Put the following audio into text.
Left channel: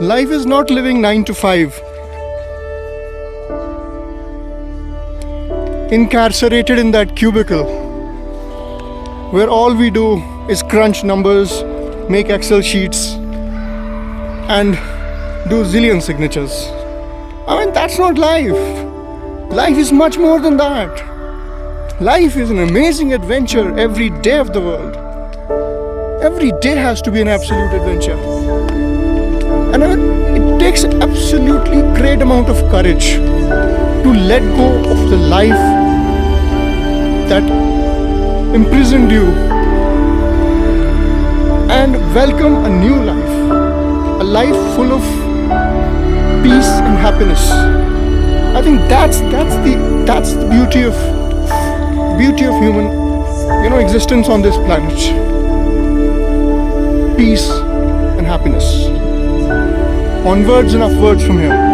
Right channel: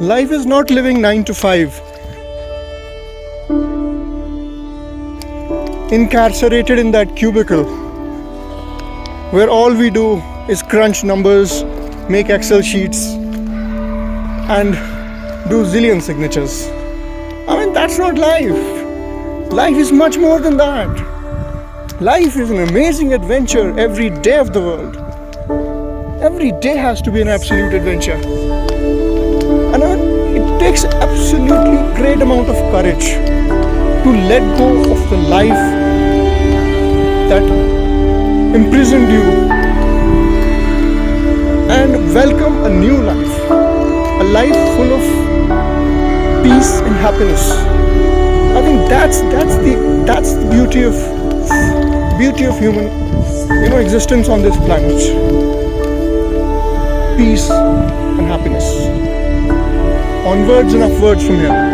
Life is not living 9 to 5, incarcerated in that cubicle where all we do is crunch numbers, make Excel sheets, and do zillion signatures. I mean, that's not life. Life is much more than that. Life is an amazing adventure every day of the world. Every day has to be an absolute adventure. And it takes absolutely great amount of courage to let go of the life that imprisoned you and welcome a new life. A life full of peace and happiness. I think that's the beauty of human, existence on this planet. Peace and happiness. Onwards and upwards from here.